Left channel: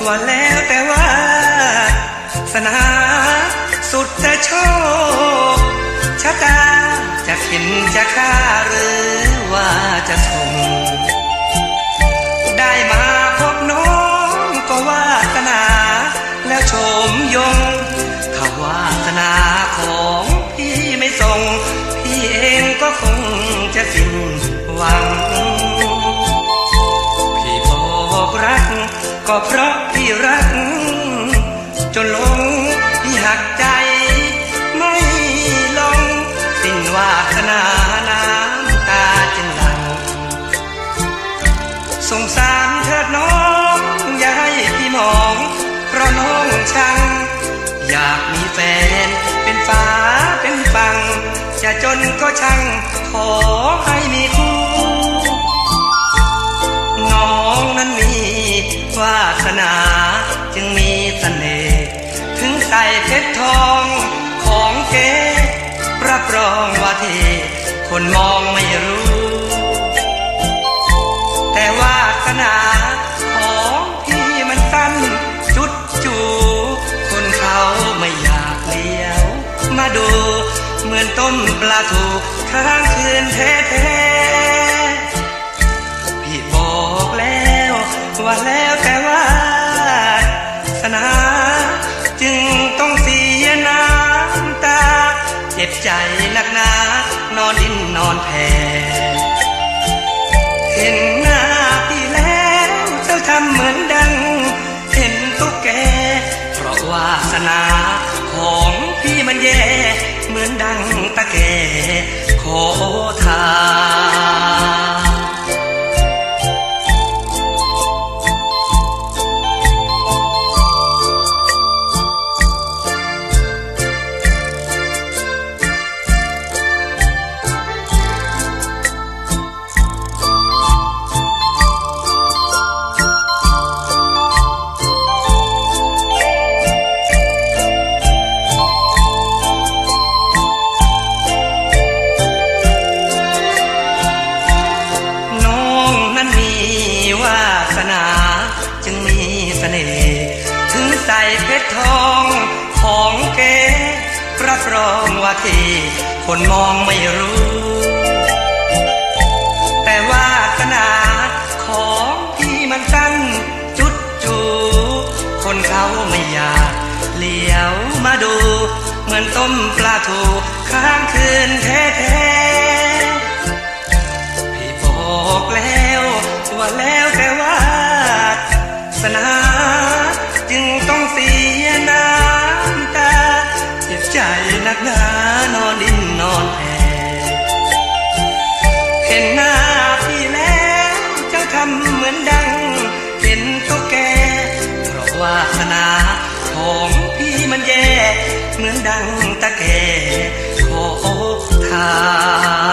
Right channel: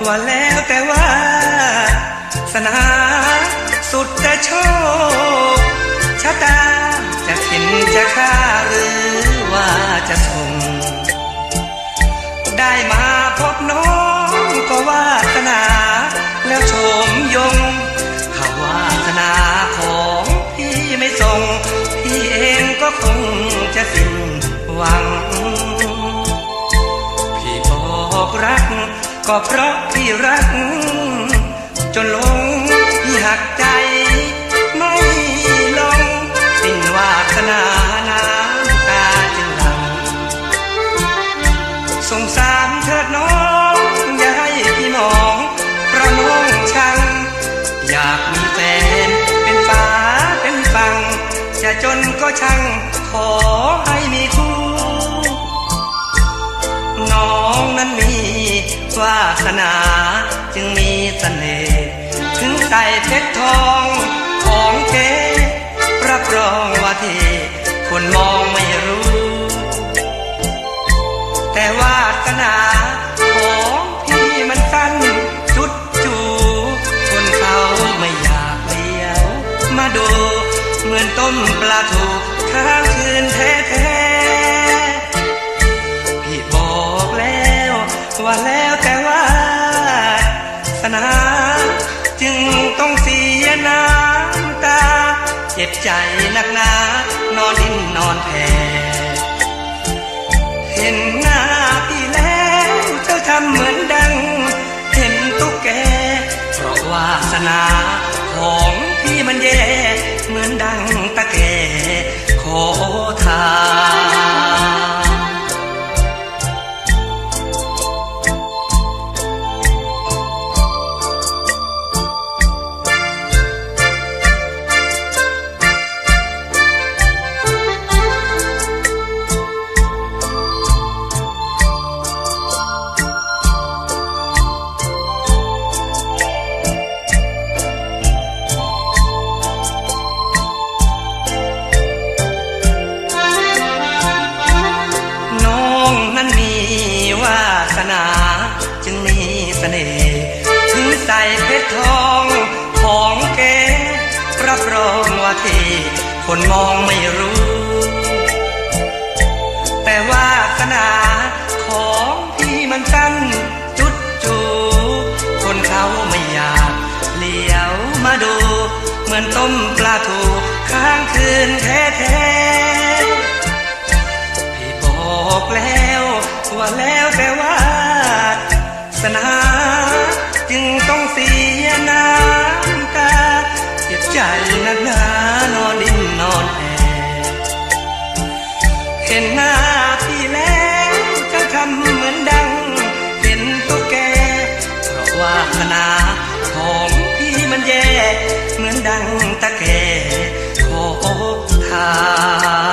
ก็แล้วแต่ว่า สนาสุดจะโชคชะตาจะเข็นจะฆ่าหรือว่าจะส่งได้มาพบน้องก็วาสนา แล้วโฉมยงถ้าวาสนาของพี่ไม่ส่งพี่เองก็คงจะสิ้นหวัง พี่บอกรัก ก็เพราะพี่รัก จนลงพี่หักใจ ไม่ลงสิ้นวาสนาน้ำตาจึงหลังสงสารเถิดน้องอย่าให้พี่มองเพราะน้องชัง อยากมีแฟนเป็นฟ้าเป็นฟังจะจนก็ช่างขอ สนาจึงมีเสน่ห์ถึงใส่เพชรทองของเก๋รับรองว่าเทคนมองไม่รู้ แต่วาสนาของพี่มันสั้นจุดจูคนเขาไม่อยากเลี้ยว มาดูเหมือนต้มปลาถูกค้างคืนแท้ๆ เจ็บใจนักหนา นอนดิ้นนอนแผ่เห็นหน้าพี่แล้วเจ้าทำเหมือนดัง เห็นตุ๊กแก เพราะวาสนา ของพี่มันแย่ เหมือนดังตะแกขอทาน นา จึงมีเสน่ห์ถึงใส่เพชรทองของเก๋รับรองว่าที่คนมองไม่รู้ แต่วาสนาของพี่มันสั้นจุดจูคนเขาไม่อยากเหลียวมาดู เหมือนต้มปลาถูกค้างคืนแท้ๆพี่บอกแล้วว่าแล้วแต่ว่า นา จึงต้องเสียน้ำตาเจ็บใจนักหนานอนดิ้นนอนแผ่เห็นหน้าพี่แล้วจะทำเหมือนดัง เป็นตุ๊กแก เพราะว่าสนาของพี่มันแย่ เหมือนดังตะแกขอทาน